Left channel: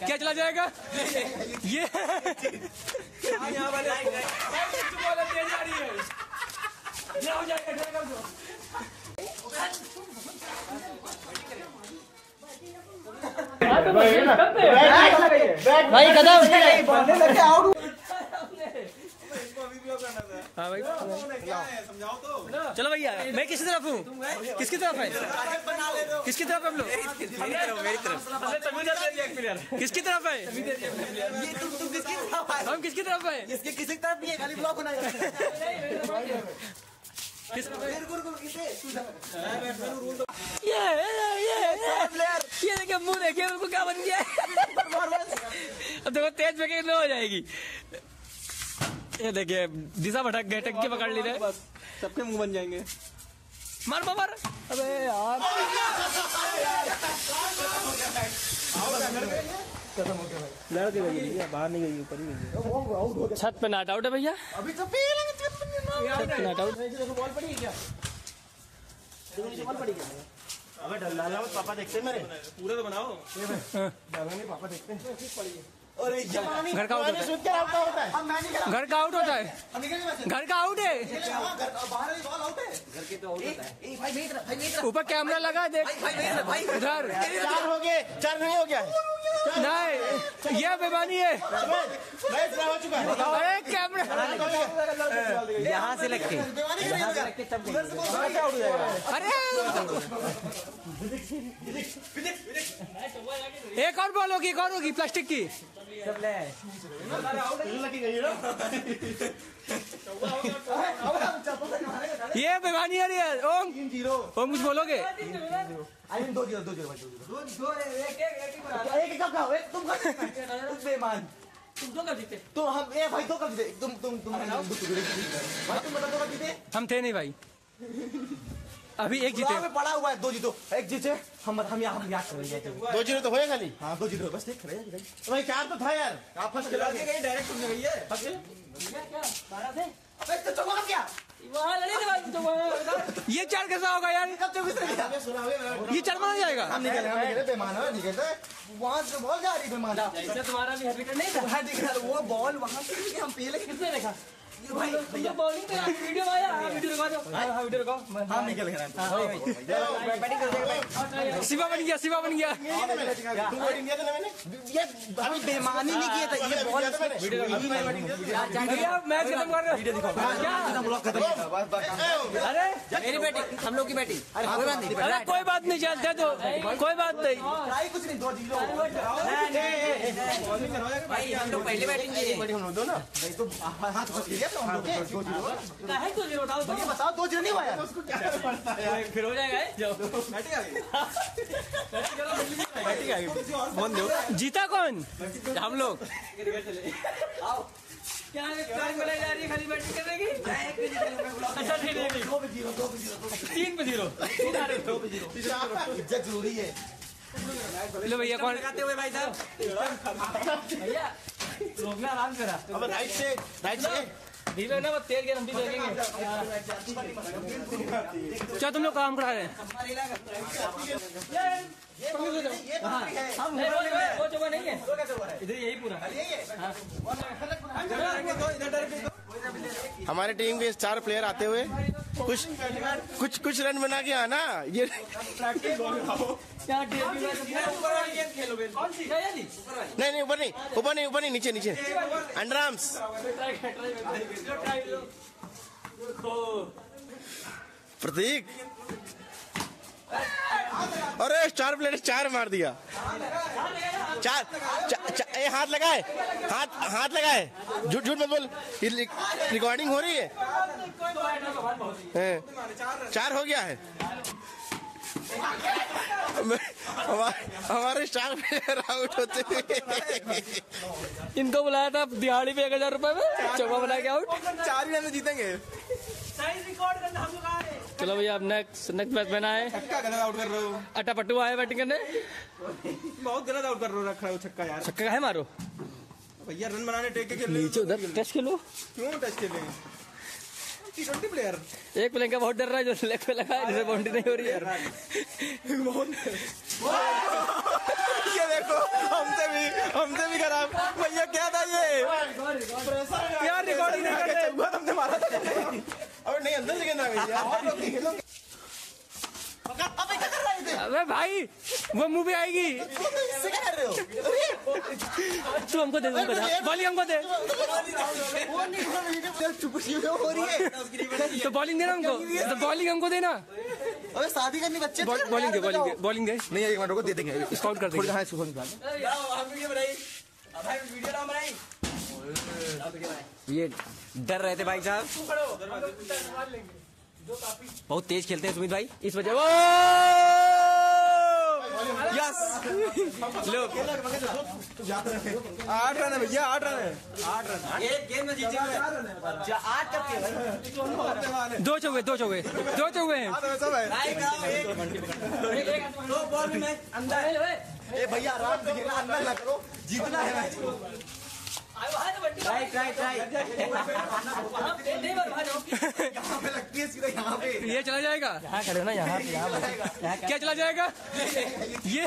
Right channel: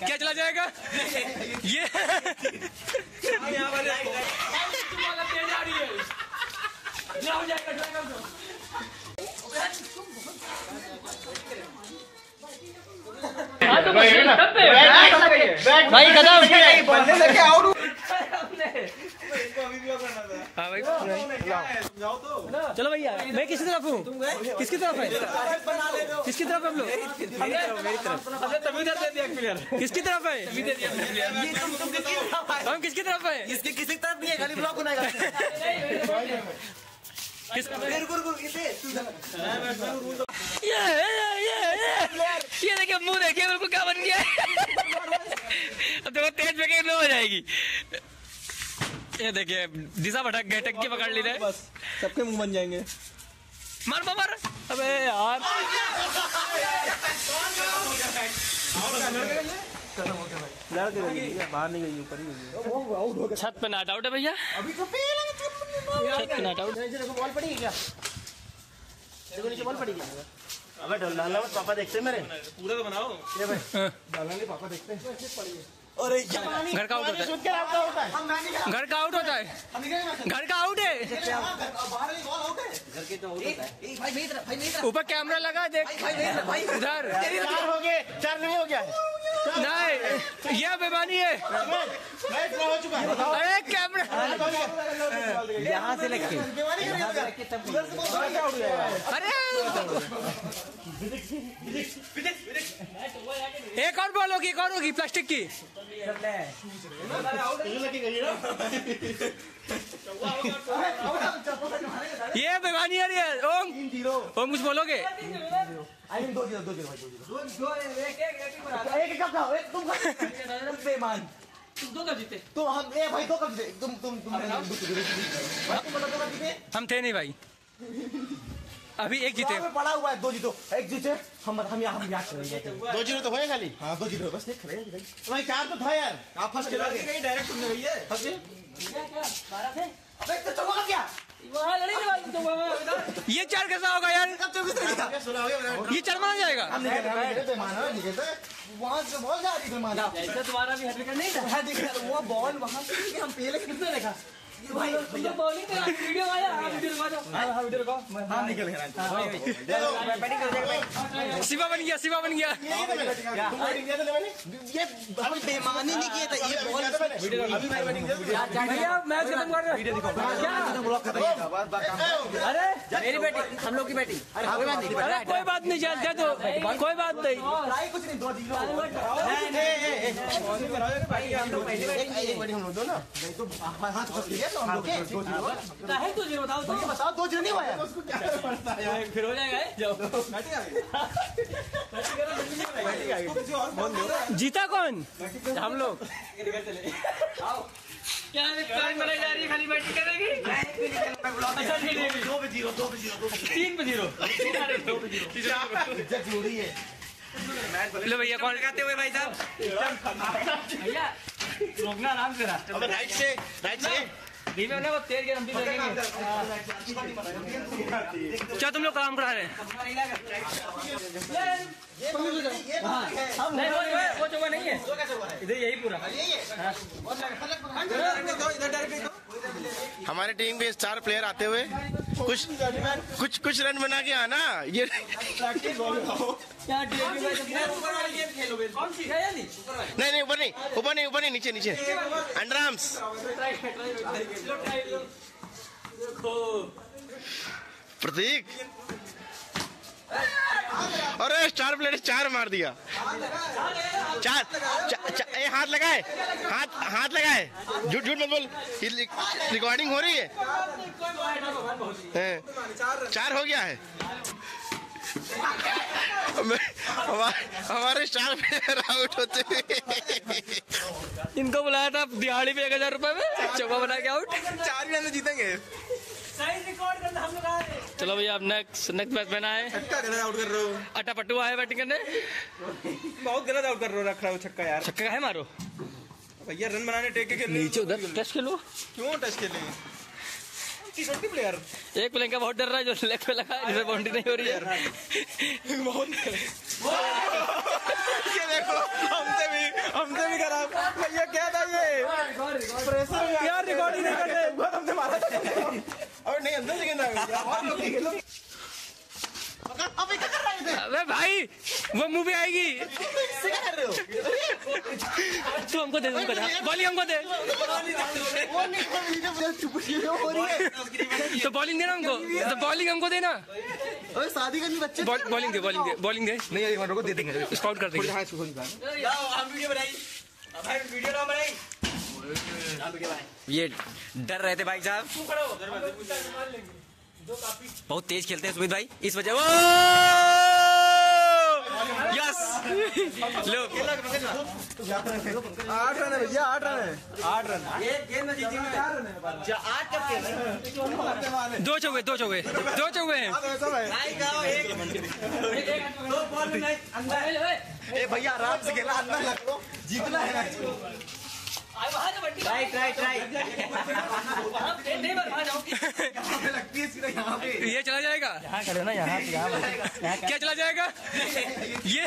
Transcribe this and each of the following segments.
क्या चला जाएगा ये यहाँ वाले भाई कदम हाँ भाई चलो भैया मैं किसी तरफ हूँ किसकी तरफ है किसकी तरफ हम लोग किसकी तरफ है हम किसकी तरफ है किसी तरफ नहीं है खाली ब्लॉक बनाएगा ये देखिए मुंह देखिए बिल्कुल क्या बन गया अब देखो तेज में लो हो जाएगी ये देखिए दिशा भटक गए टक्की पकड़ ली थे सबके मुंह बन जाएंगे मार मार अबे यार बाहर नहीं गई ऊपर ही छत पे नॉट आउट है भैया अभी तो छत पे नॉट आउट बॉल पड़ी क्या देखो नीचे बॉल पड़ी क्या अबे डालना पापा देखते मेरे पूरा तो बनाओ ये भाई डालना नहीं पापा देखते हैं घर का आउट होता है घर का आउट होता है घर का आउट है ऊपर कैमरा लगा देख इधर हो गए 4 हो गया नहीं ये बेमानी है अरे कैमरा यहाँ से लग के अरे एक और बॉल होगी एक और होगी प्लास्टिक की ये बेमानी है ओम कुछ बोलोगे तो हम भाई 2 कब जीते तुम हम थे नहीं भाई अभी एक जीते पड़ा हुआ है 2 जीतो 1 जीते हम यहाँ करेंगे 2 जीरो तो होएगा नहीं हाँ 2 जीरो बस देख रहे भाई 4 तो था यार आप फर्स्ट डायरेक्ट सुनने भैया क्या ये 4 कैसा होगा यार ये 4 माना जाएगा हम निकले बेमाना वहाँ से बॉल जा रही बेमाना तुम्हारा भी हट नहीं था वो बॉल वहाँ से हम पहले कितने देखा बॉलिंग वीडियो शिवा बन गया ये अभी बेमानी नहीं किया था ये बॉल भैया मैच खत्म कर रहे अरे मेरी बैटिंग हम लोग की बैटिंग अरे कोई बात नहीं चलते तो कोई बात नहीं कुछ नहीं 2 जीरो हम लोग दो ना तो हाथ तो हम लोग 2 जीरो बताओ तो ये बताओ 2 जीरो नहीं हुआ यार फिर हो जाएगा जीता कौन हम लोग क्या जा रही है खाली बैटिंग करेगी 3-0 जरूरी है लो भैया कौन लगाते हुए भाई साहब भैया रोकना आराम से राइट से धीमे ना वो तेज गेम हम भी देखेंगे क्या तुम लोग काम करा रहे हैं नहीं है इधर यही पूरा हमारी टीम के स्टार प्लेयर आते हुए कुछ रन बना के आना ये नहीं ऊपर नहीं नीचे अंडर आर्म्स प्रतीक अरे स्टार प्लेयर 4 मार दिया 4 हाथ लगाए झूठ मत बोल रिकॉर्डिंग हो रही है 4 हो गया है हमारे स्टार प्लेयर आउट होते हुए इनको बुलाया था दिहाड़ी पे 1000 रुपए में चौका बना के आउट 4 भी हम जीतेंगे चलो भैया अब नेक्स्ट बैट्समैन आए आउट कर रहे हो अट्टा पट्टू आए बैटिंग करने बहुत गलत आउट कर रहे हो रख रहा हो छक्का यार छक्का है मारो भैया रन बनाने टेक के नीचे उधर टेस्ट खेलो क्यों टेस्ट खेलेंगे T20 प्लेयर एक प्लेयर का बहुत डर रहा है जो लेग पे लगा है जिसमें बाउंड्री नहीं हो रही है ये देखो हमसे भाई हमसे भी खराब भैया। क्या था ये यार? रिकॉर्डिंग नहीं करते तुमसे मारा और नहीं अंदर से कहना यार। अबे भाई वो मूवी आएगी। तू हमको दे, हमको दे बॉलिंग, हमको दे तो बॉलिंग देना हमको, तो बॉलिंग हमको देना। शादी करनी बच्चे बॉलिंग दे, बॉलिंग दे, बॉलिंग दे। नहीं यार को दे देंगे, स्काउट कर देंगे। ये डर रहे थे भाई साहब, बहुत तेज खेलते हैं सुमित भाई, इस वजह। ओ यस लो 8 रन है भैया, 8 रन है। 8 रन एक गेम में जीतेंगे 4 रन है। 8 कब के 2 चौके, 2 चौके, 2 चौके हैं। सब है दो बॉल में मैच अंदर। ए भैया आराम से खेलना, अंदर ना करो, जीतना है मैच को। Right right right. ये चला जाएगा, करो ना यहाँ क्या चला जाएगा ये?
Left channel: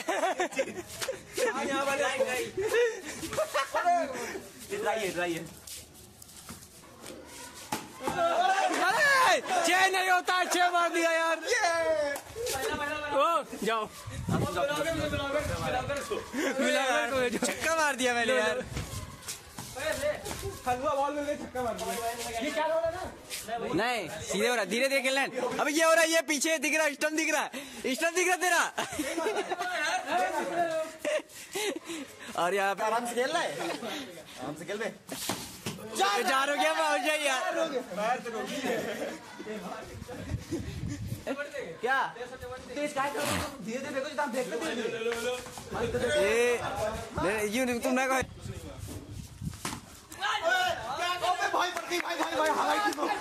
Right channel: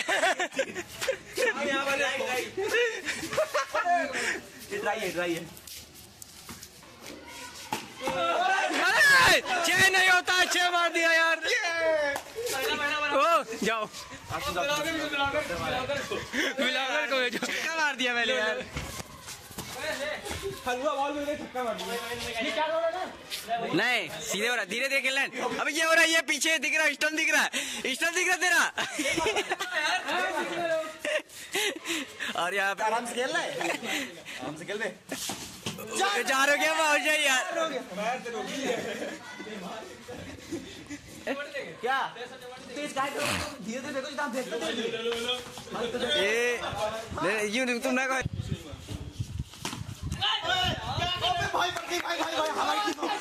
अरे 6 नहीं होता, 6 मार दिया यार। ओ जाओ मिलाकर को भेजो। छक्का मार दिया मैंने यार। हलवा बॉल में छक्का मार दिया। ये क्या हो रहा है? नहीं सीधे हो रहा, धीरे धीरे खेलना है। अब ये हो रहा है, ये पीछे दिख रहा है, स्टंप दिख रहा है, स्टंप दिख रहा है तेरा। और यहाँ पे आराम से खेलना है, आराम से खेल रहे। जा रहे क्या पहुंच जाए यार। क्या धीरे धीरे देखो, ये यूं तुम ना कहो।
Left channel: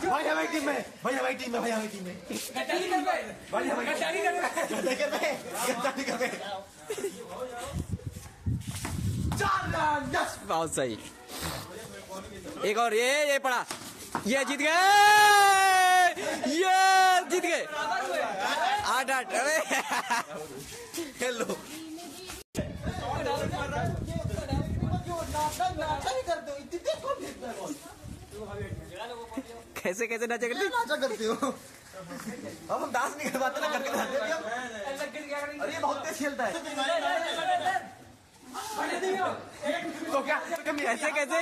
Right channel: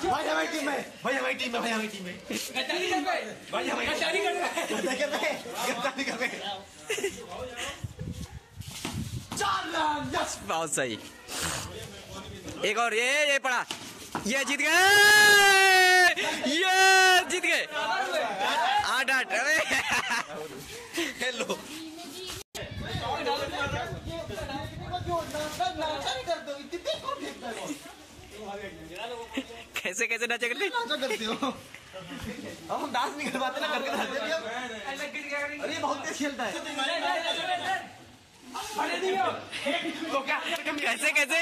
भाई हमारी टीम में, भाई हमारी टीम में, भाई हमारी टीम में। बहुत सही। एक और ये पड़ा, ये जीत गए, ये जीत गए 8-8। अरे खेल लो। कैसे कैसे नाचा करते हो? अब हम डांस नहीं कर पाते ना, करके अरे बहुत तेज खेलता है। कैसे कैसे?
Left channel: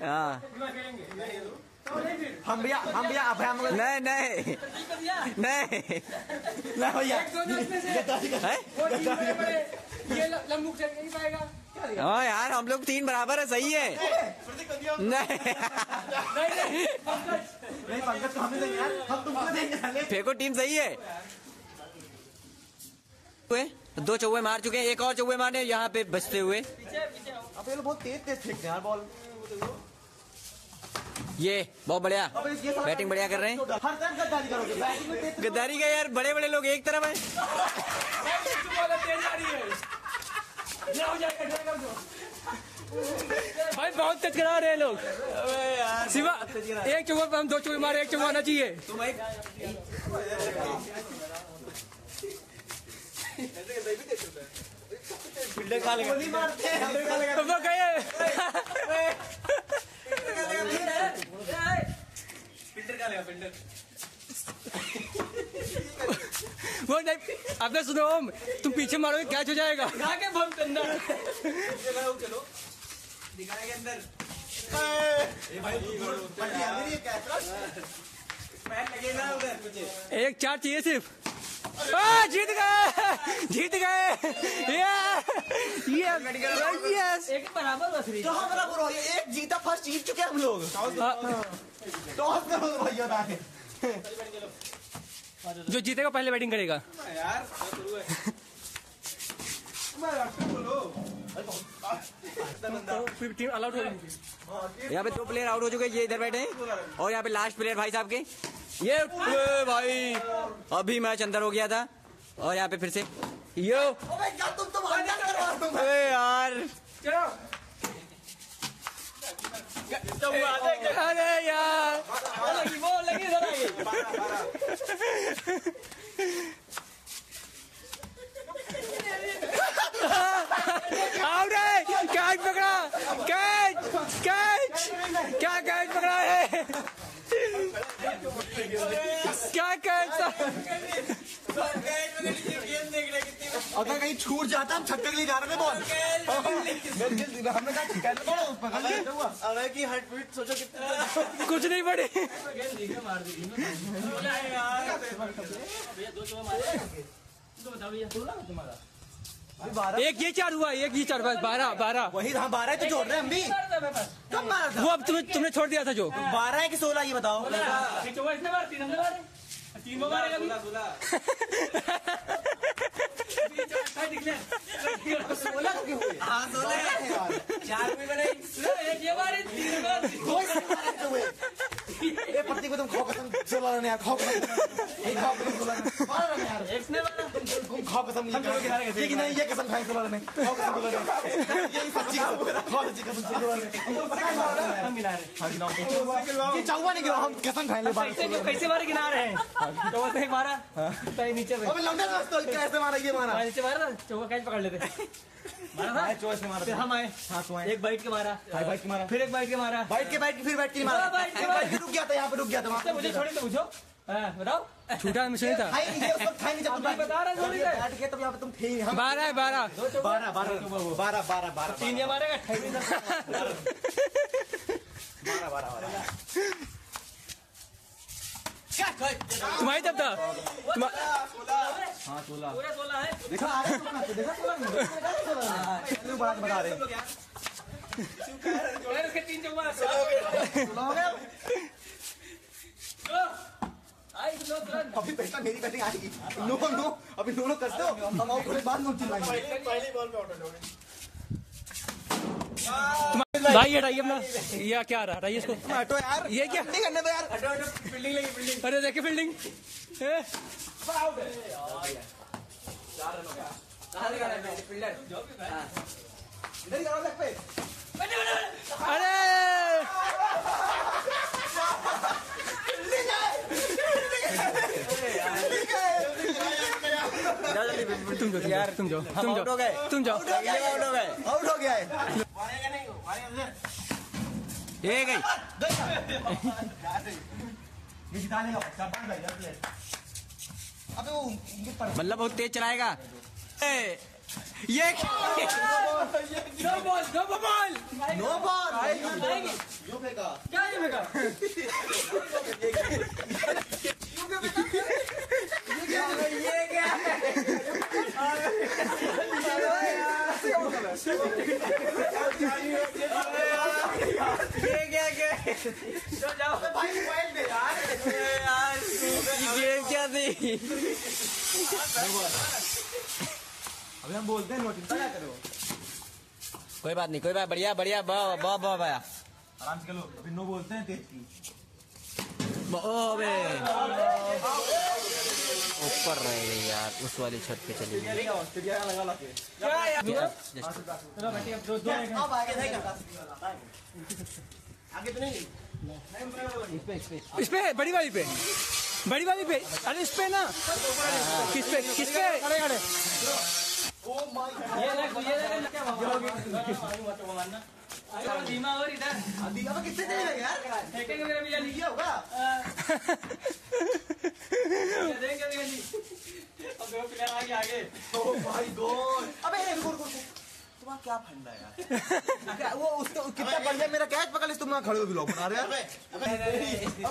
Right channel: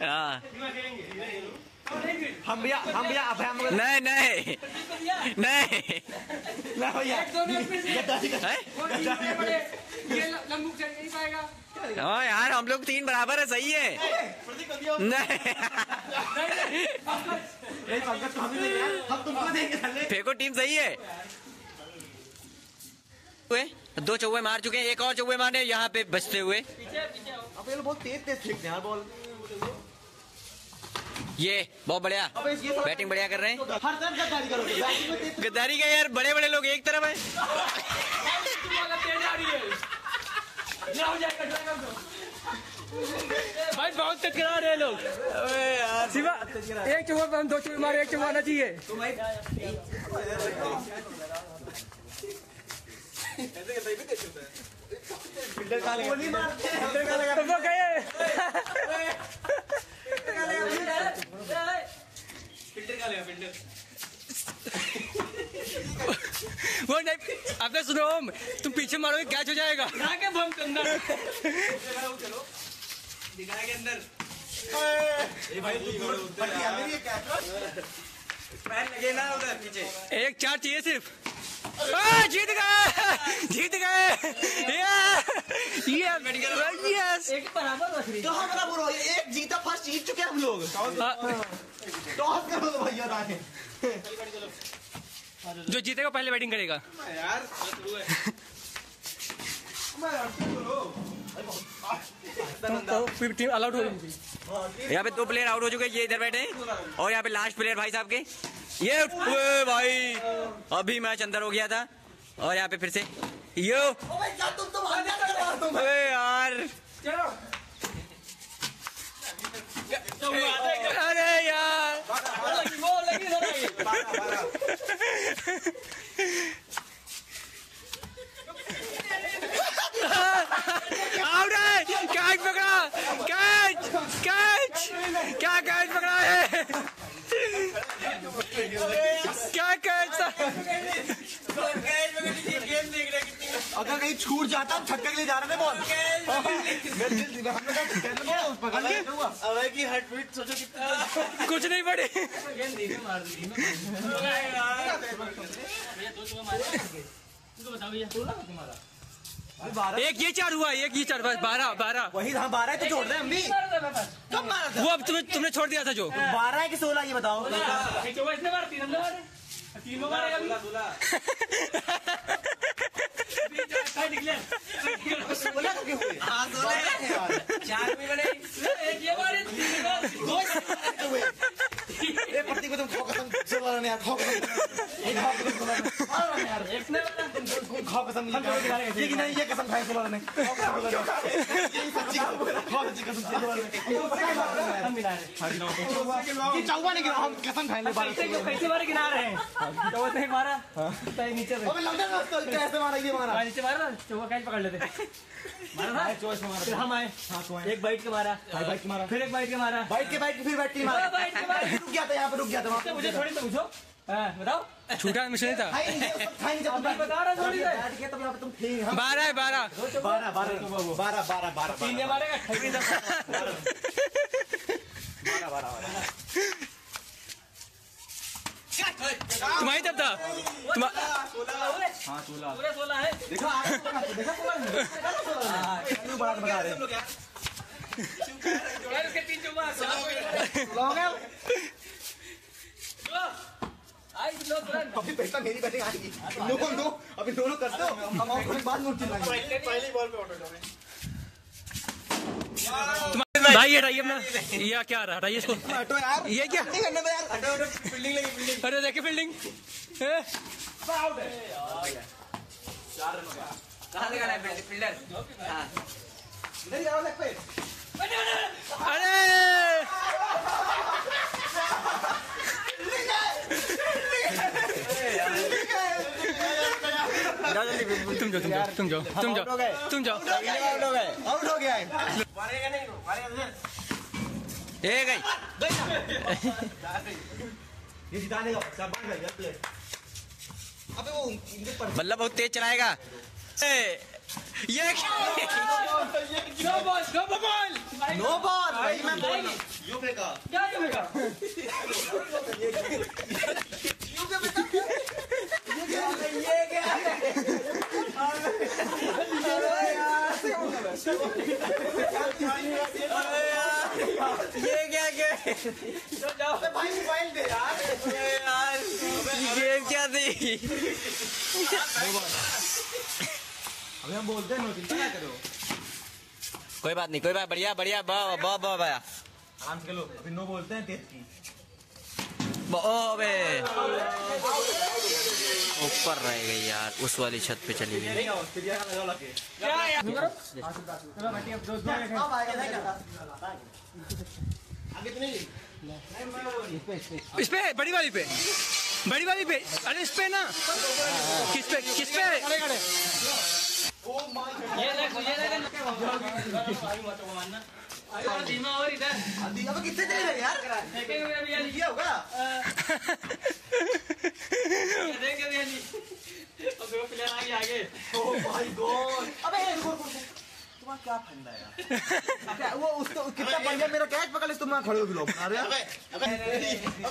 हाँ हम भैया नहीं नहीं नहीं हाँ यार, हम लोग 3 बराबर है, सही है। नहीं फेंको, टीम सही है। 2 चौके मार चुके हैं, एक और चौके मारने यहाँ पे बचते हुए। बहुत तेज फेंकते हैं बॉल। ये बहुत बढ़िया बैटिंग, बढ़िया कर रहे हैं। हर टाइम गद्दारी करोगे, गद्दारी का यार, बड़े बड़े लोग एक तरफ है। भाई बहुत तेज करा रहे हैं लोग। शिवा एक चौके पर हम 2 चौके मारे, 1 चौका आना चाहिए। वो नहीं, आपने सुनो, तुम पीछे मारोगे कैच हो जाएगा। एक 4 चाहिए सिर्फ। जीत गए, जीत गए। यस एक बराबर कहाँ बराबर हो? एक जीता, फर्स्ट जीत चुके हम लोग। टॉस कर लो भैया। जो जीतेगा पहले बैटिंग करेगा यार। टीम आउट हो गई। यहाँ पे 2 प्लेयर आउट हो चुके हैं, ये इधर बैठे हैं। और यहाँ पे लास्ट प्लेयर भाई साहब के, ये भाई अभी मैच अंदर हो गया था। और यहाँ पे फिर से यो, अरे यार, अरे यार कहीं छूट जाता हम छक्के के लिए जा रहे थे बॉल। अबे की हार्ट बीट सोचो कितना कुछ नहीं पड़े। एक ये 4 हुआ, एक ये 4, बस 12। वही हाँ 12 तो जोड़ रहे हैं हम भी। कब मारा था? वो अब तुमने छोड़ दिया था जो 12 है कि 16 ये बताओ। 16 क्यों हुए? पत्नी को तुम खाओ कसम 16 नहीं खाओ कसम खाओ कसम नहीं ये कसम खाए 16 नहीं खाओ कसम ये चौवा नहीं गिरा हम कसम खाएंगे। कैसे मारे गिना रहे हैं तो नहीं मारा नीचे अबे लौंडा कैसे मारा ये मारा नीचे मारा चौका कैच पकड़ लेते मारा चौस मारा फिर हम आए हाँ तो एक बाइट के मारा बाइक मारा फिर एक बाइट के मारा बाइक के फिर बाइक के मारा रुक गया था यहाँ पे रुक गया था वहाँ मुझे थोड़ी तो पूछो बताओ छूटा मिशन नहीं था खाई जब तुम बता रहा थोड़ी बैठ के तब यहाँ पे तुम थे 12 है 12 12 3 मारेगा तुम्हारी तब था पूरे 16 है देखो बड़ा बता रहे उसके 3 चौका अभी पहला मेरी बैटिंग आएगी नो अभी दोनों करते हो हम बाद में पहली बॉल पे आउट हो जाओगे। भाई हटाइए अपना ये क्या रहा हटाइए इसको हटो यार ये क्या नहीं करने दो यार फील्डिंग लगी फील्डिंग अरे देखिए फील्डिंग आउट है 4 रन का कहां लगा है फील्डर इधर जाओ लेग पे अरे तुम जाओ आउट हो गए आउट हो गया है ये गई ये जिता देगा सब बंद कर जाती है। अबे वो बल्ला बहुत तेज चलाएगा ये नो बॉल यू फेंका क्या ये फेंका ये क्या जाओ भाई मोबाइल दे यार गेम क्या थी अभी हम बोलते हैं नो चिंता ना करो कोई बात नहीं बढ़िया भैया आराम से खेलो अभी नो बोलते हैं तेज की ऊपर रह गई यार उस वाली छत पे चली गई आगे तो नहीं इस पे बड़ी वाली पे अरे इस पे ना किस पे धीमा और इधर कितने देर यार ये होगा आगे ओह माय गॉड अबे तुम्हारा क्या फंडा यार वो उसको कितना बढ़िया मेरा कैच पकड़ ले तुम खड़े हो ब्लॉक बना रहे अब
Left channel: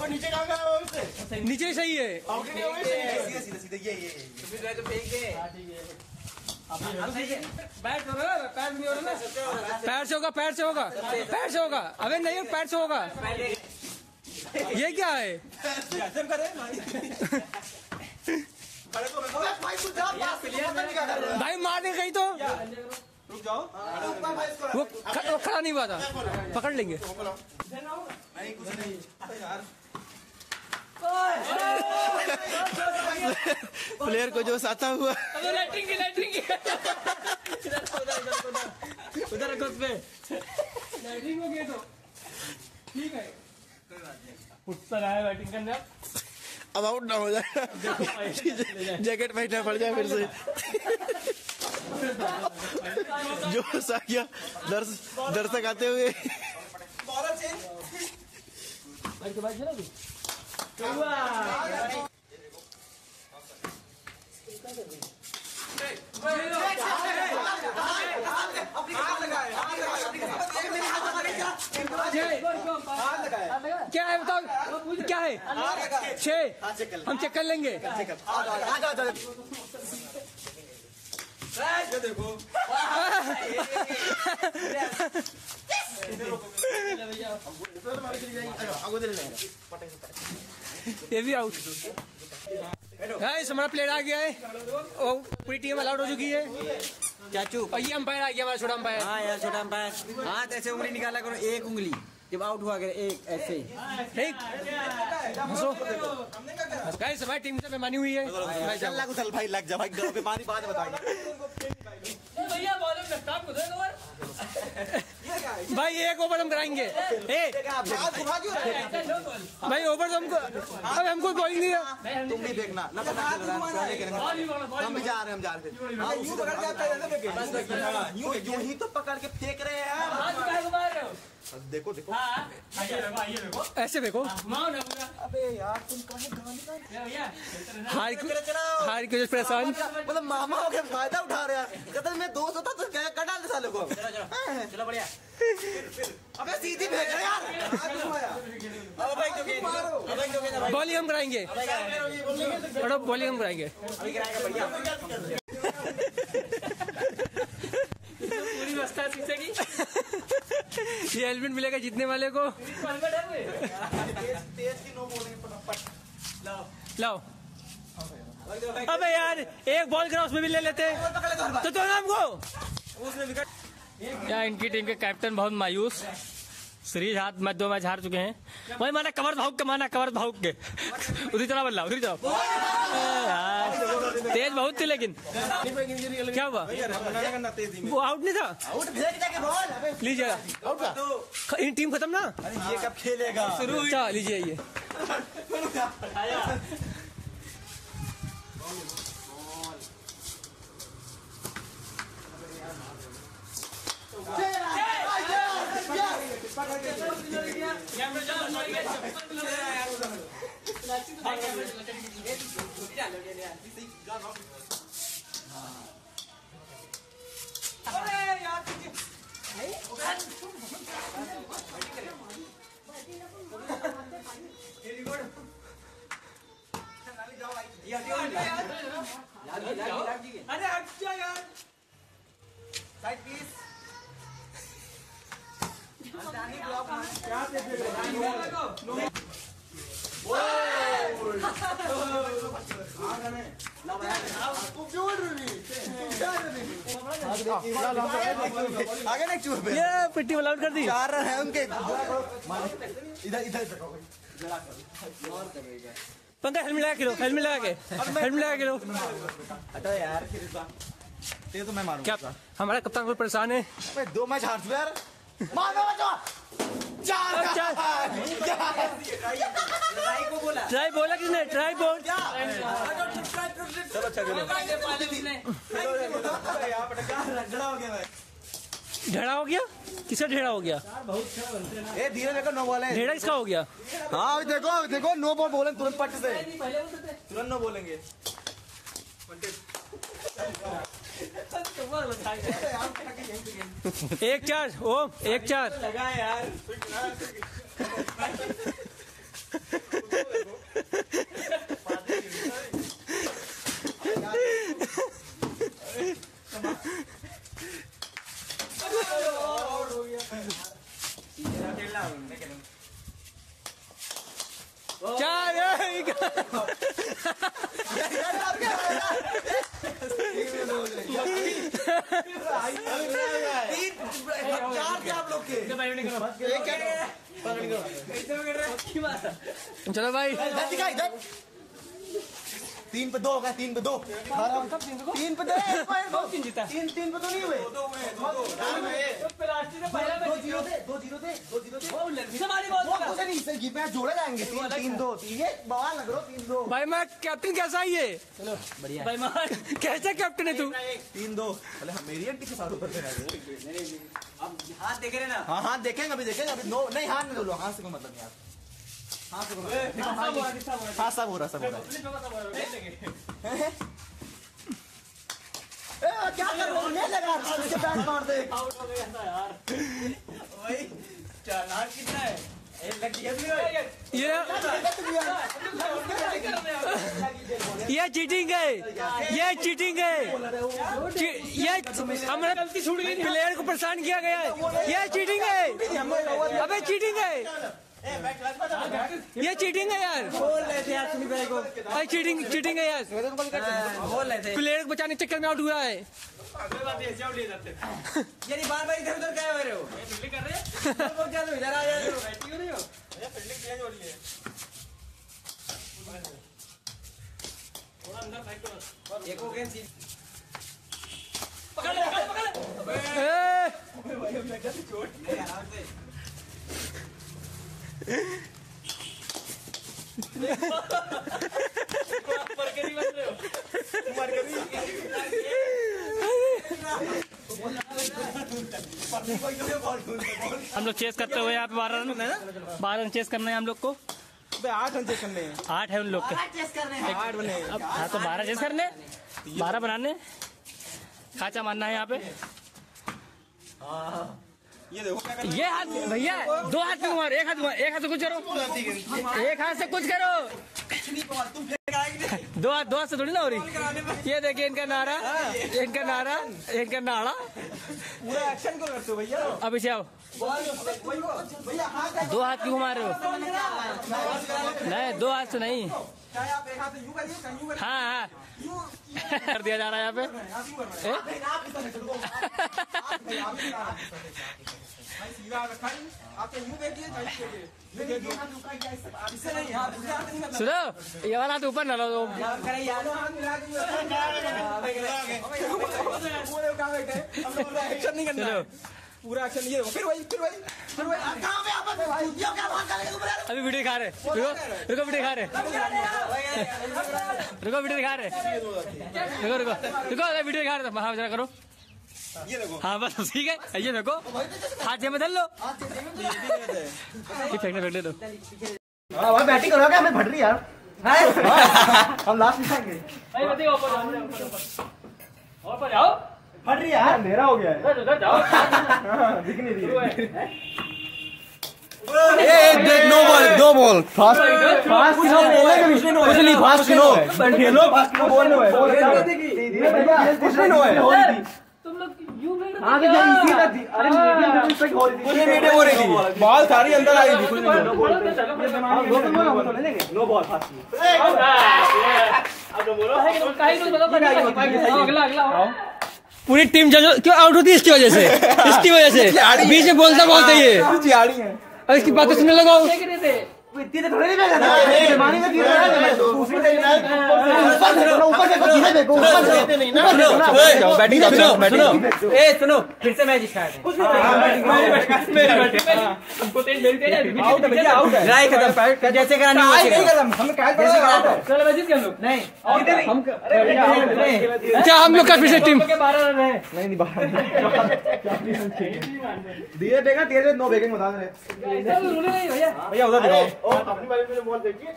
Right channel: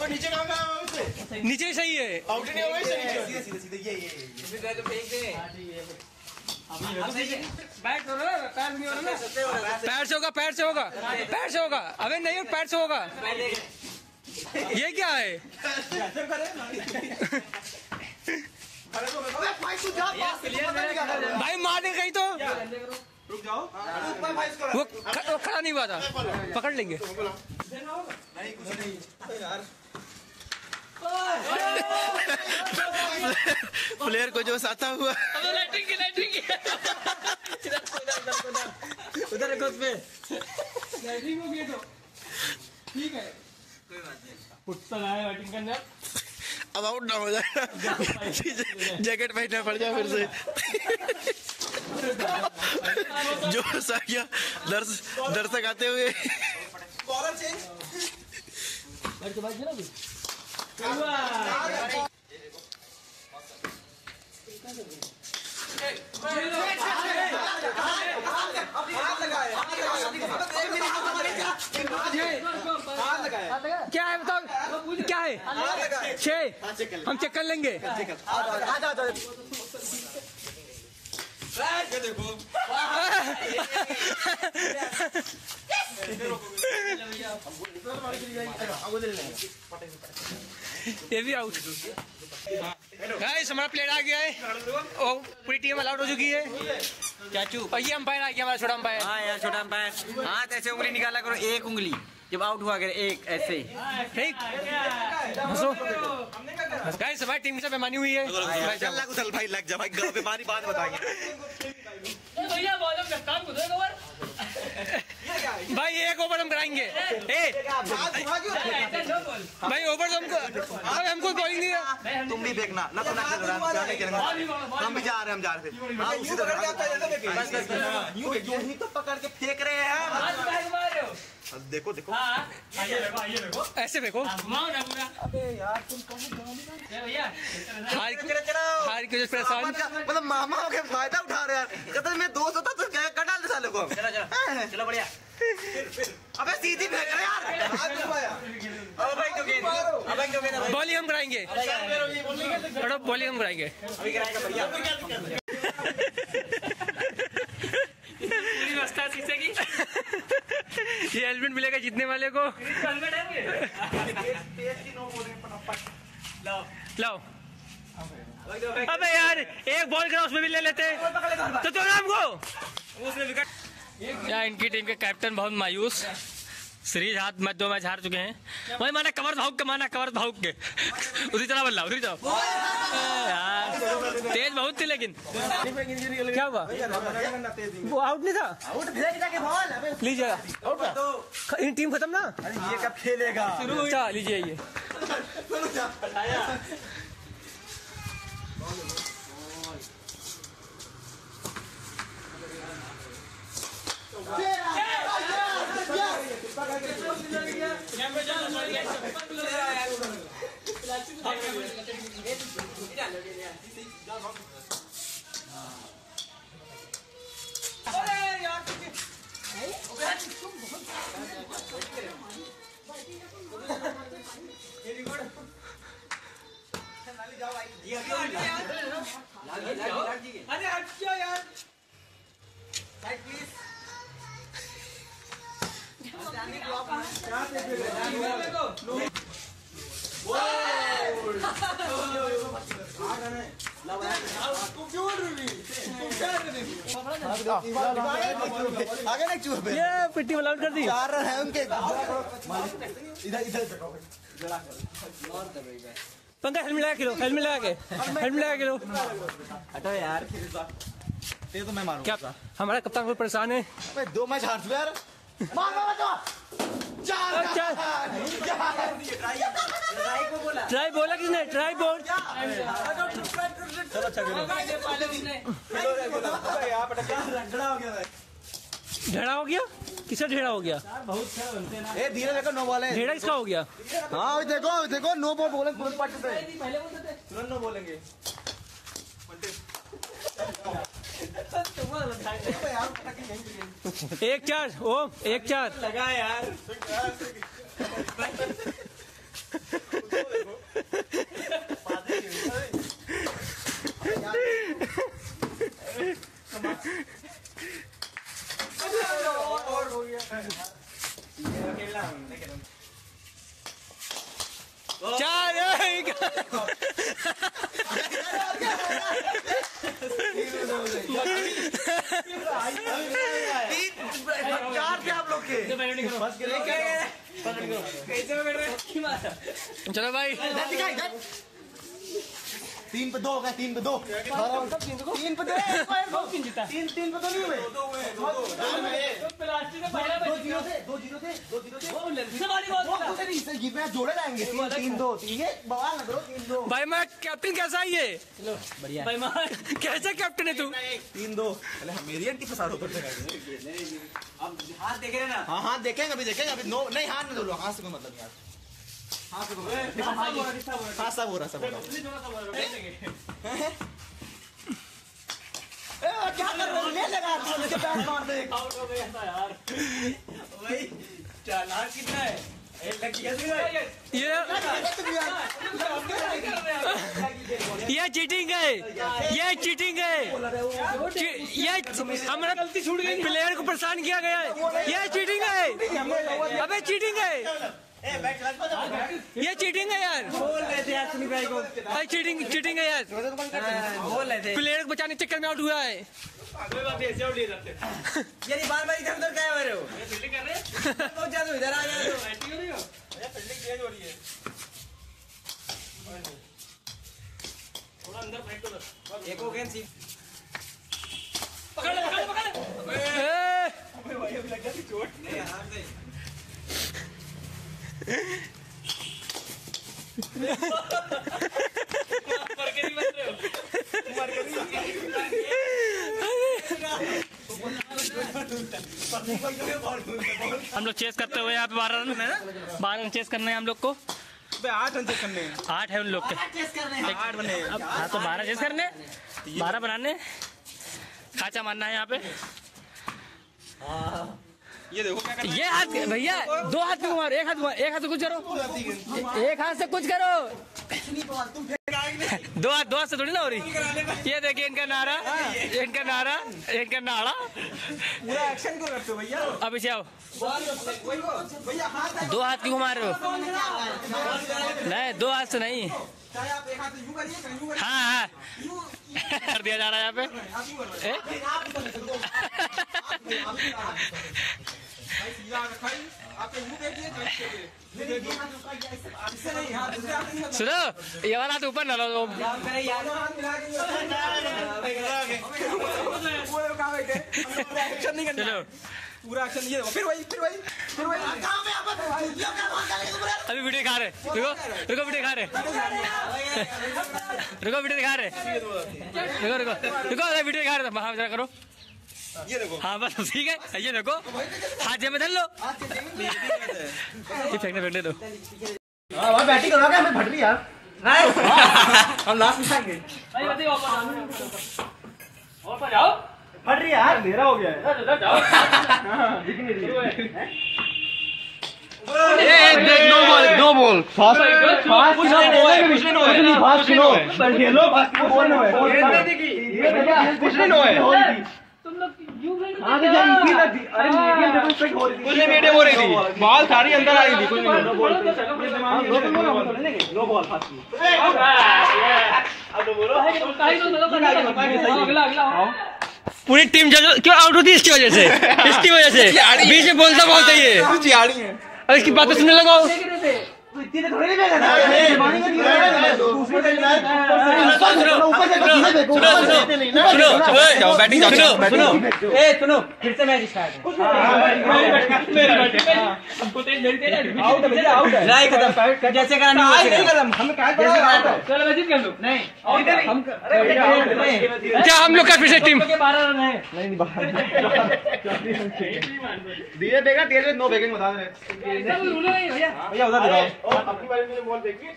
नीचे कहां गया उससे नीचे सही है आउट नहीं हो गए सीधे ये तो फेंक दे बैट करो पैर भी हो रहा है पैर से होगा अबे नहीं पैर से होगा ये क्या है भाई मार दे कहीं तो रुक जाओ वो खड़ा नहीं हुआ था पकड़ लेंगे प्लेयर को जो साथा हुआ लाइटिंग उधर लाइटिंग हो गई तो ठीक है कोई बात नहीं फुटबॉल आया बैटिंग करने अब आउट ना हो जाए जैकेट पहनना पड़ गया फिर से जो सा गया दर्शक आते हुए क्या है बताओ, क्या है? 6 हम चेक कर लेंगे। ये भी आउट। गाइस हमारा प्लेयर आ गया है। ओ पूरी टीम अलाउट हो चुकी है। चाचू और ये अंपायर आ गया हमारा छोटा अंपायर। हाँ यार छोटा अंपायर, हाथ ऐसे उंगली निकाला करो, एक उंगली जब आउट हुआ करे, एक ऐसे ही। ठीक गाइस हमारी टीम से बेमानी हुई है। चल भाई लग जा भाई, बीमारी बात बताइए भाई। एक ओवर हम कराएंगे। भाई ओवर हमको कोई नहीं है। तुम भी देखना ना, तो ना खेल रहा है, हम भी जा रहे हैं, हम जा रहे थे। हाँ उसी तरह यूं ही तो पकड़ के फेंक रहे हैं। देखो देखो ऐसे देखो। अबे यार तुम हार की परेशान, मतलब मामा हो के फायदा उठा रहे हैं। कहते मैं दोस्त होता तो क्या कर डालते साले को। चलो बढ़िया। अबे सीधी फेंक रहे यार। बॉलिंग हम कराएंगे, बॉलिंग हम कराएंगे। ये हेलमेट मिलेगा जीतने वाले को। लाओ। अबे यार एक बॉल करा उसमें भी ले लेते तो नाम को। यार इनकी टीम के कैप्टन बहुत मायूस, सीरीज हाथ मैच 2 मैच हार चुके हैं। भाई माना कमर भाग के, माना कमर भाग के उसी तरह बल्ला उधर जाओ यार। तेज बहुत थी लेकिन क्या हुआ, वो आउट नहीं था। आउट भेज जाके बॉल। अबे लीजिएगा इन टीम खत्म ना। अरे ये कब खेलेगा। अच्छा लीजिए ये। अरे हट क्यों यार, साइड प्लीज। आगे ना चूहे पे। ये पिट्टी में आउट कर दी। 4 रन है उनके। इधर पंकज हेलमेट लगा के लो, हेलमेट लगा के, हेलमेट लगा के लो। हटो यार, ये तो मैं मारूंगा। क्या हमारा कप्तान बहुत परेशान है। 2 मैच हार चुके यार। ट्राई बोला किसने, ट्राई बोल। चलो अच्छा खेलो। ढेड़ा हो गया, किसका ढेड़ा हो गया? ए धीरे देखो, नो बॉल है। ढेड़ा किसका हो गया? हाँ देखो देखो, नो बॉल बोलेंगे तुरंत पट से, तुरंत नो बोलेंगे। 1-4 ओम, 1-4 लगा यार। चार थे आप लोग के। चलो भाई 3 पे 2 हो गया, 3 पे 2। 3 पे 2 जीता। 3 पे 2 नहीं हुए। 2-0 थे। मैच जोड़े जाएंगे। 3-2 ठीक है, बाहर ना करो। 3-2 भाई मैं कैप्टन कैसा है ये? कैसा कैप्टन है तू? 3-2। मेरी एंटी के साथ ऊपर अब हाथ देख रहे ना। हाँ हाथ देखेंगे, अभी देखेंगे। अभी नो नहीं, हाथ में बोलो, हाथ से मतलब यार, हाथ से हाथ सब हो रहा सब। क्या कर रहा है? ले लगा इसके बैट मार दे। आउट हो गया था यार। भाई चालान कितना है? लग गया ये चीटिंग है, ये चीटिंग है, ये हमारा प्लेयर को परेशान किया गया है, ये चीटिंग है, अबे चीटिंग है, ये चीटिंग है यार। बोल रहे थे यार सुमित भाई को। चीटिंग चीटिंग है यार, बोल रहे थे प्लेयर को बचाने के चक्कर में आउट हुआ है। ये बार बार इधर उधर क्या हो रहे हो? फील्डिंग कर रहे हैं? तो चलो इधर आ जाओ। बैटिंग हो रही हो? फील्डिंग तेज हो रही है। थोड़ा अंदर फाइट करो। एक हो गया सी। पकड़ ले। भाई अब लगा थी चोट। नहीं यार से। पर के नहीं बच रहे हो? हम लोग चेस करते हुए यहाँ पे 12 रन चेस करना है हम लोग को। 8 रन चेस करने हैं। 8 है उन लोग के। 8 बने। अब हाँ तो 12 चेस करने, 12 बनाने, खाचा मारना है यहाँ पे। ये देखो ये हाथ भैया 2 हाथ से मार, एक हाथ से कुछ करो, एक हाथ से कुछ करो। 2 हाथ से थोड़ी ना हो रही। ये देखिए इनका नारा, इनका नारा। पूरा एक्शन क्यों करते हो भैया? अब इसे आओ, भैया हाथ 2 हाथ क्यों मार रहे हो? नहीं 2 हाथ से नहीं। चाहे आप एक हाथ से यूं करिए, कहीं यूं करिए। हाँ कर दिया जा रहा है यहाँ पे। सीधा रखा है। आप यूं देखिए, देखिए। इससे नहीं हाथ दूसरे हाथ नहीं। सुनो ये वाला हाथ ऊपर न लो। दोनों हाथ मिला के एक्शन नहीं करना। चलो पूरा एक्शन ये फिर वही अभी वीडियो दिखा रहे, रुको वीडियो दिखा रहे, रुको वीडियो दिखा रहे। हाँ जरा करो, ये देखो। हाँ बस ठीक है। ये देखो हाथ जेब में धर लो, फेंकने दो। भाई बैटिंग करोगे? हमें फट रही यार। हम लास्ट में खाएंगे। ऊपर जाओ, फट रही यार, अंधेरा हो गया है। जाओ। दिख नहीं रही है। नो बॉल फास्ट खेलो बॉल में तुम लोग यूं मीडियम हो रही थी, बॉल सारी अंदर आ रही थी। नो बॉल अगला पूरी टीम क्यों आउट होती है? इसकी वजह से बीच में बोलता है ये। और इसकी बातें सुनने लगाओ। इतनी थोड़ी नहीं बैठा था। जमाने में गिर रहा है। बैटिंग सुनो फिर से मैच स्टार्ट है। आउट है भैया, आउट है। जैसे करानी हम नहीं अच्छा हम लोग का फिर से टीम 12 रन है। नहीं धीरे देगा, धीरे 9 बेगिंग बता रहे भैया उधर दिखाओ। अपनी बारी में बॉल देखिए,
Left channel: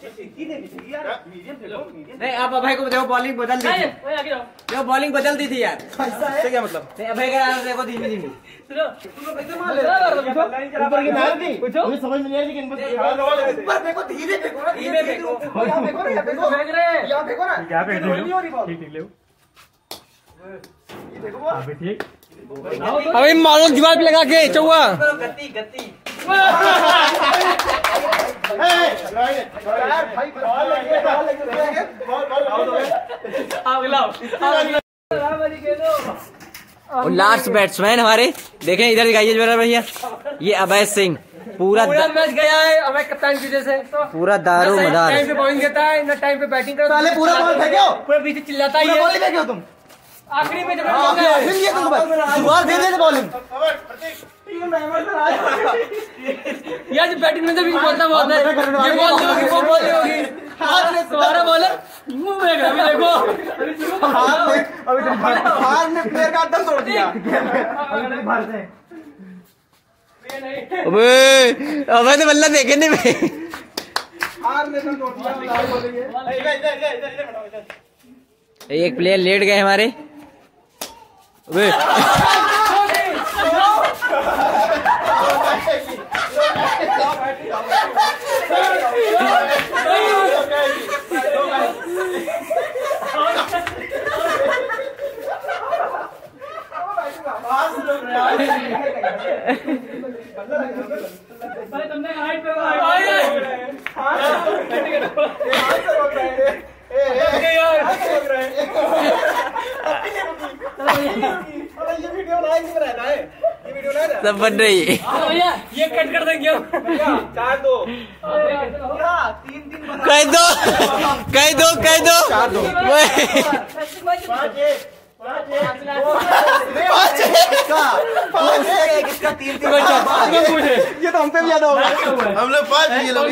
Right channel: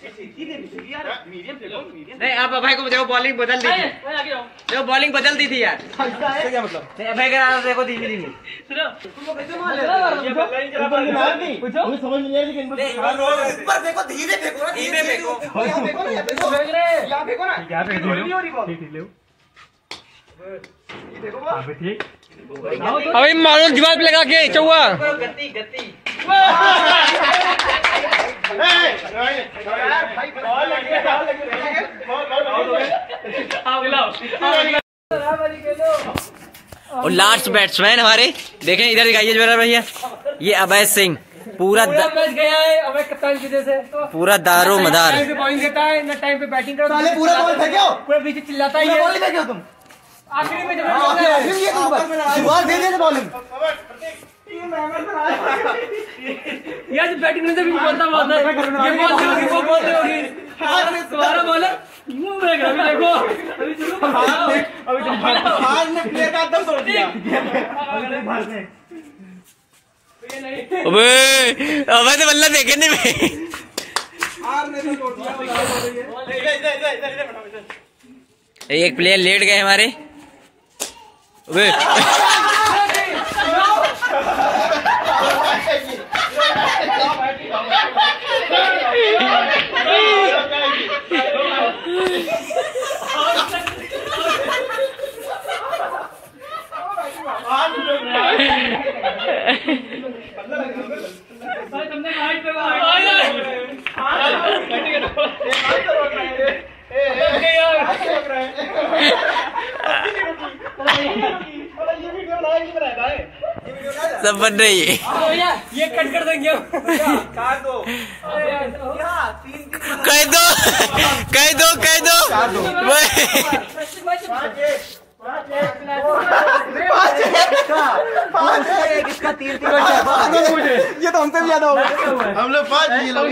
नहीं आप अभय को देखो, बॉलिंग बदल दी थी, देखो बॉलिंग बदल दी थी यार। क्या मतलब? अभय का देखो धीमे धीमे। ऊपर की नार नहीं, मुझे समझ में नहीं आ रही कि ऊपर देखो, धीरे देखो ना, धीरे देखो। यहाँ देखो ना, यहाँ देखो, यहाँ देखो ना, यहाँ पे नहीं हो रही बॉल। ये देखो ठीक। अभी मारो दीवार पे लगा के चौवा। गति और लास्ट बैट्समैन हमारे देखें, इधर दिखाइए जरा भैया, ये अभय सिंह पूरा मैच गया है अभय कप्तान की वजह से। पूरा दारो मदार। टाइम पे बॉलिंग देता है, न टाइम पे बैटिंग करता है। पूरा बॉल फेंके हो, पूरे बीच चिल्लाता है। बॉल फेंके हो तुम। आखिरी में जब शुरुआत दे दिए बॉलिंग। यार बैटिंग में जब बोलता बहुत है, बोलते होगी तुम्हारा बॉल है, मुंह में देखो हार ने प्लेयर का दम तोड़ दिया। अबे तो बल्ला देखे नहीं मैं। हार ने तो तोड़ दिया। एक प्लेयर लेट गए हमारे। वे सब बन रही है। ये कट कर देंगे कह दो कह दो कह दो ये तो हमसे भी याद होगा। हम लोग 5 ये लोग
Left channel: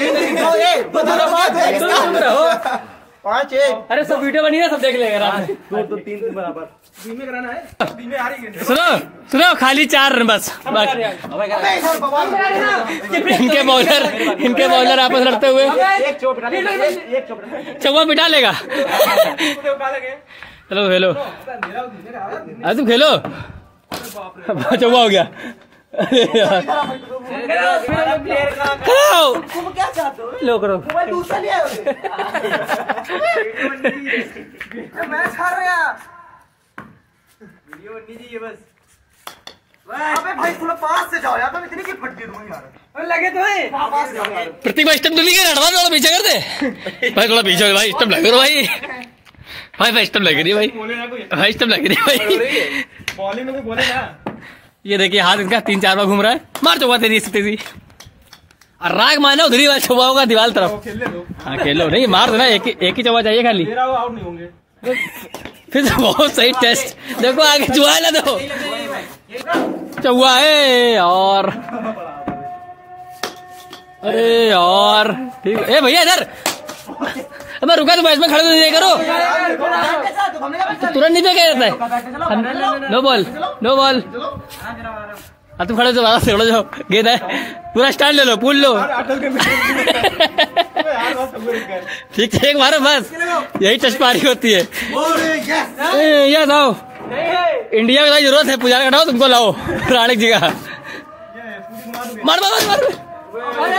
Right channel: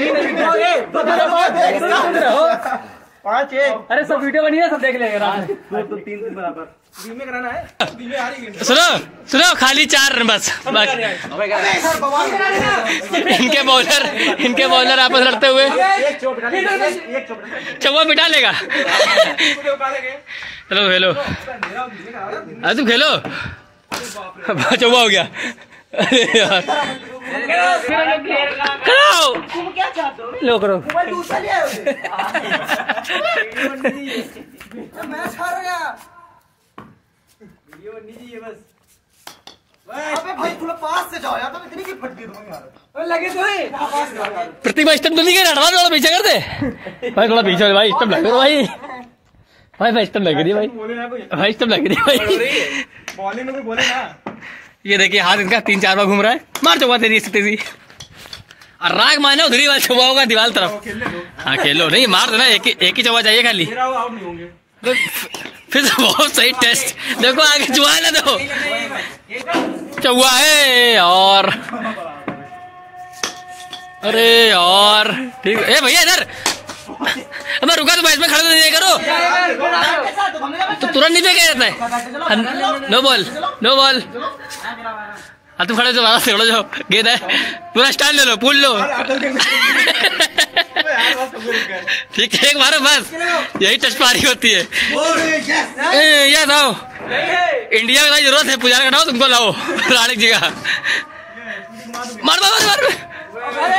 5 1। अरे सब वीडियो बनी है, सब देख लेंगे रात में। 2 तो 3 बराबर बीच में कराना है। बीच में हारेंगे। सुनो सुनो, खाली 4 रन बस। इनके बॉलर आपस लड़ते हुए चौवा बिठा लेगा। चलो खेलो, अरे तुम खेलो। चौवा हो गया। अरे यार करो, क्या चाहते हो? लो करो। मैच हार गया। वीडियो बननी चाहिए बस। अबे भाई थोड़ा पास से जाओ यार, तुम इतनी की फटती तुम यार। लगे तो है प्रतीक भाई स्टंप नहीं कर रहा, थोड़ा पीछे कर दे भाई, थोड़ा पीछे भाई, स्टंप लगे भाई। भाई स्टंप लग रही है भाई स्टंप लग रही है भाई। बॉलिंग में तो बोले ना। ये देखिए हाथ इनका 3-4 बार घूम रहा है। मार चौवा तेरी तेजी और राग मानो उधरी वाला चौवा होगा दीवार तरफ। हाँ खेलो, नहीं मार देना, एक ही चौवा चाहिए खाली। आउट नहीं होंगे। फिर तो बहुत सही टेस्ट। देखो आगे चुहा ना दो, चौवा है और अरे यार ठीक। ए भैया इधर मैं रुका, तो इसमें खड़े तो नहीं करो, तो तुरंत नहीं फेंका जाता है। No ball no ball. हाँ तुम खड़े दोबारा से जाओ, गेंद है, पूरा स्टाइल ले लो, पूल लो। ठीक है, एक मारो बस, यही टच पारी होती है। ये लाओ, इंडिया की जरूरत है, पुजारा का लाओ, तुमको लाओ राणिक जी का। मार मार मार,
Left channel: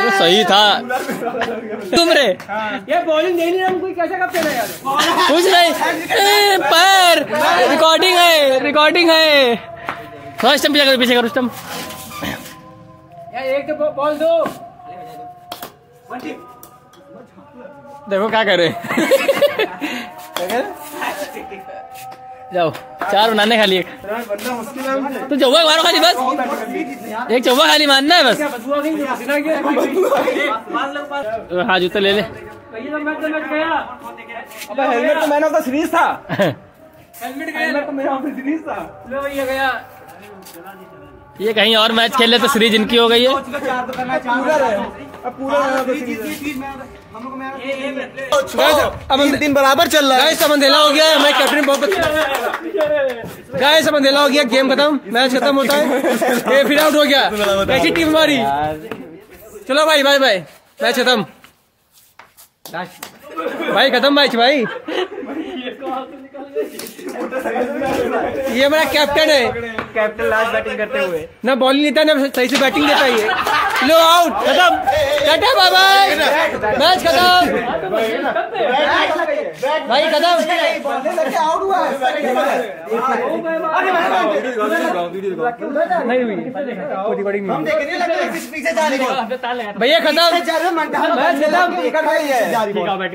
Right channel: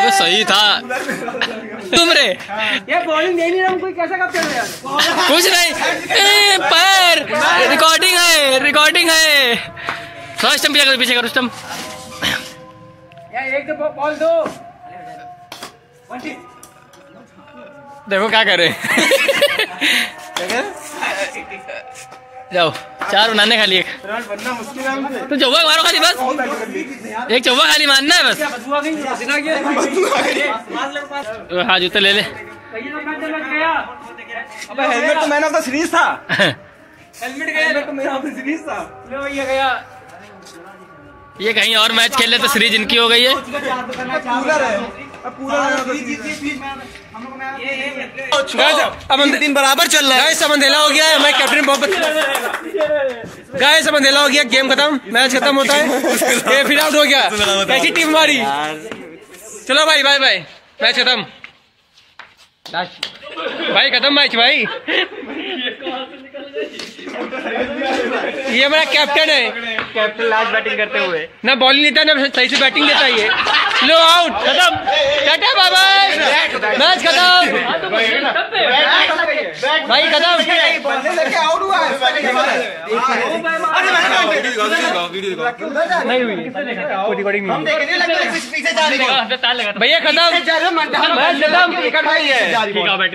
तो सही था तुम रे। ये बॉलिंग नहीं रहा, कोई कैसा कब चलेगा? कुछ नहीं, पर रिकॉर्डिंग है। थोड़ा स्टंप पीछे करो स्टंप। एक बॉल दो। देखो क्या करे। जाओ 4 बनाने खाली, एक तो चौवा मारो खाली बस, एक चौवा खाली मारना है बस। हाँ जूते ले ले। अबे हेलमेट तो मैन ऑफ द सीरीज था। हेलमेट तो मैन ऑफ द सीरीज था। लो भैया गया। ये कहीं और मैच खेल ले तो सीरीज इनकी हो गई है। पूलर है, अब puller man of the series है। अब 3 बराबर चल रहा है। गाइस अब अंधेला हो गया है, मैं कैप्टन बहुत गाइस अब अंधेला हो गया, गेम खत्म, मैच खत्म होता है। ये फिर आउट हो गया, कैसी टीम हमारी। चलो भाई बाय बाय, मैच खत्म भाई, खत्म मैच भाई। ये मेरा कैप्टन है, कैप्टन लास्ट बैटिंग करते हुए ना बॉलिंग लेता ना सही से बैटिंग देता है। लो आउट, खत्म, टाटा बाय बाय, मैच खत्म भाई, खत्म। आउट हुआ नहीं हुई रिकॉर्डिंग भैया, खत्म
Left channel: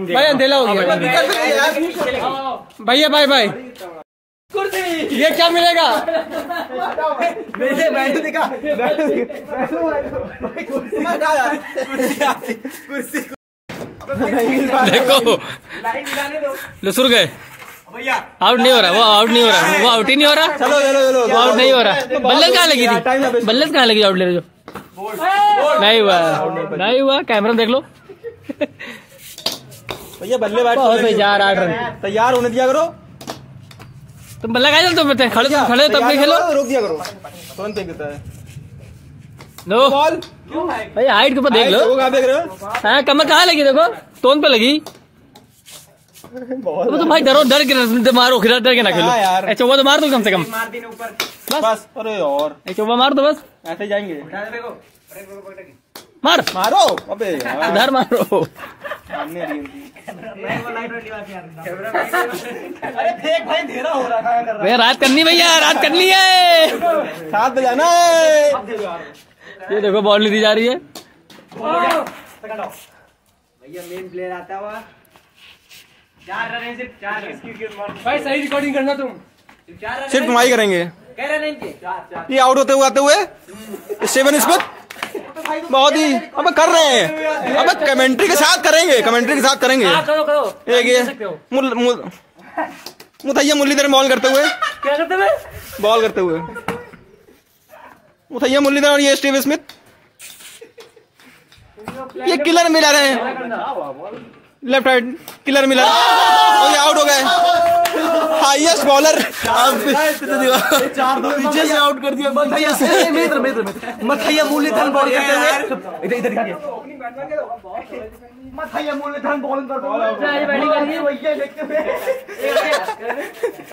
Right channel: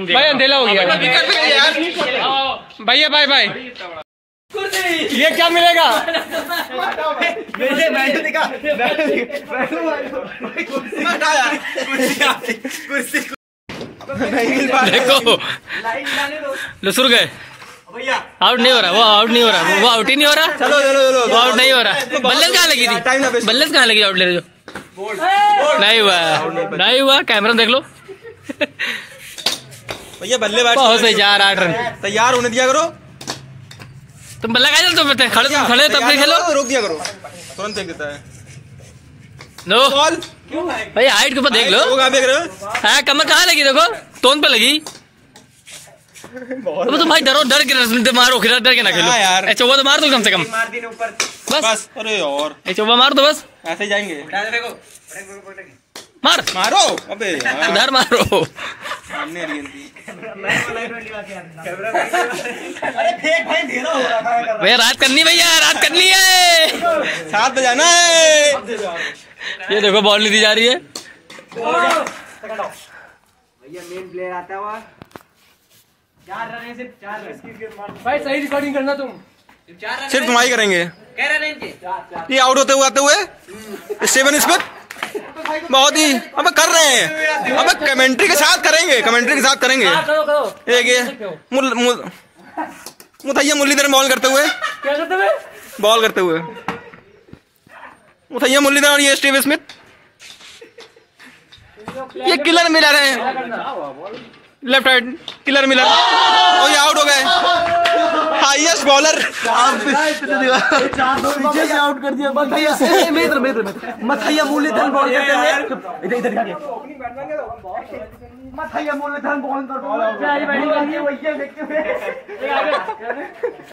भाई, अंधेला हो गया भैया, बाय बाय। ये क्या मिलेगा? देखो लसुर गए, आउट नहीं हो रहा, वो आउट नहीं हो रहा, वो आउट ही नहीं हो रहा। चलो चलो चलो, वो आउट नहीं हो रहा। बल्लेस कहाँ लगी थी, बल्लेस कहाँ लगी आउट ले रहे जो? नहीं हुआ, कैमरा देख लो। भैया बल्लेबाज बहुत सही, 8 रन। तैयार होने दिया करो। तुम बल्ला का तुम खड़े तब भी खेलो, रोक दिया करो, तुरंत फेंक देता है। नो बॉल भाई, हाइट के ऊपर देख लो। देख रहे हो? हाँ कमर कहाँ लगी, देखो तोन पे लगी। अब तो भाई डरो, डर के मारो, डर के ना खेलो यार। चौबा तो मार दो कम से कम, बस। अरे और चौबा मार दो बस, ऐसे ही जाएंगे। मार मारो अबे यार, उधर मारो। सामने आ रही भैया रात करनी, भैया रात करनी है, 7 बजाना है। ये देखो बॉल नहीं दी जा रही है। भैया मेन प्लेयर आता हुआ भाई सही रिकॉर्डिंग करना तुम। सिर्फ तुम्हारी करेंगे। ये आउट होते हुए आते हुए स्टीवन स्मिथ बहुत ही अब कर रहे हैं, अब कमेंट्री के साथ करेंगे, कमेंट्री के साथ करेंगे। एक ये मुथैया मुरलीधरन बॉल करते हुए, क्या करते हुए? बॉल करते हुए मुथैया मुरलीधरन और ये स्टीव स्मिथ, ये किलर मिलर है, लेफ्ट हैंड किलर मिलर, और ये आउट हो गए। हाईएस्ट बॉलर 4-2 पीछे से आउट कर दिया। मथैया मुरलीधरन बॉल करते हुए, इधर मथैया मुरलीधरन बॉल करते हुए, क्या ये बैटिंग कर रही है?